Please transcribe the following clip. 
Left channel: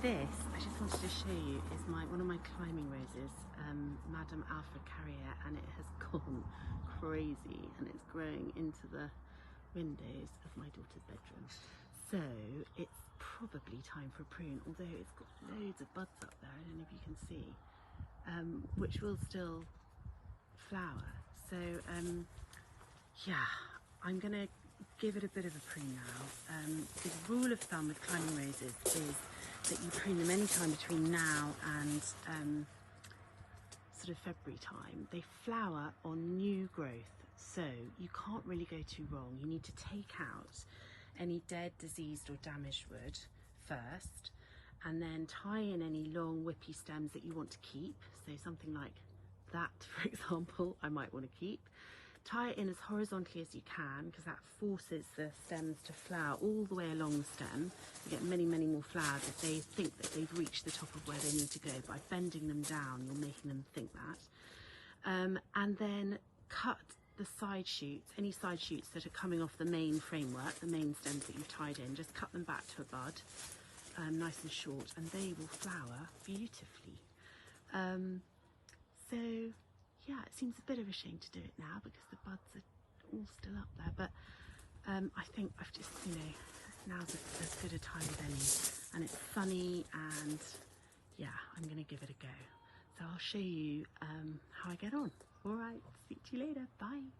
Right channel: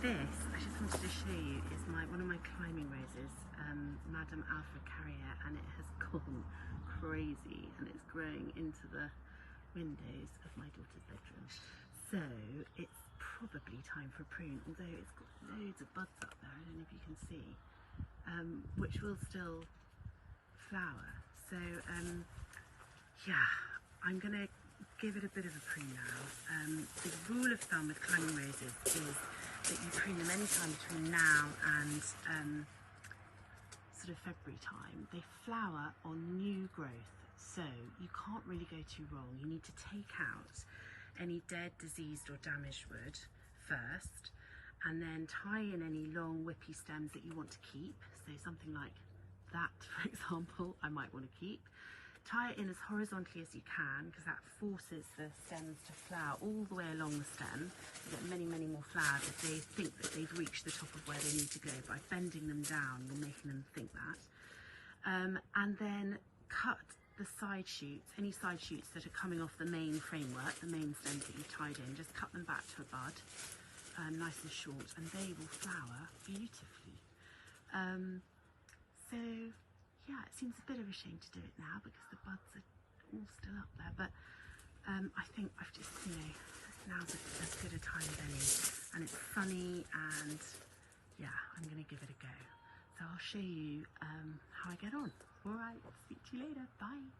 This, I just wanted to show you, is one of my climbing roses, Madame Alfred Carrier, and it has gone crazy and it's growing into the windows of my daughter's bedroom. So it's probably time for a prune, although it's got loads of buds up there, I don't know if you can see, which will still flower. So yeah, I'm going to give it a bit of a prune now. The rule of thumb with climbing roses is that you prune them anytime between now and sort of February time. They flower on new growth, so you can't really go too wrong. You need to take out any dead, diseased or damaged wood first, and then tie in any long whippy stems that you want to keep. So something like that, for example, I might want to keep. Tie it in as horizontally as you can, because that forces the stems to flower all the way along the stem. You get many, many more flowers if they think that they've reached the top of where they need to go. By bending them down, you're making them think that. And then cut the side shoots, any side shoots that are coming off the main framework, the main stems that you've tied in, just cut them back to a bud, nice and short, and they will flower beautifully. So yeah, it seems a bit of a shame to do it now because the buds are all still up there, but I think I've just, now's as good a time as any, and it's sunny, and yeah, I'm going to give it a go. So I'll show you how I get on. All right, speak to you later. Bye.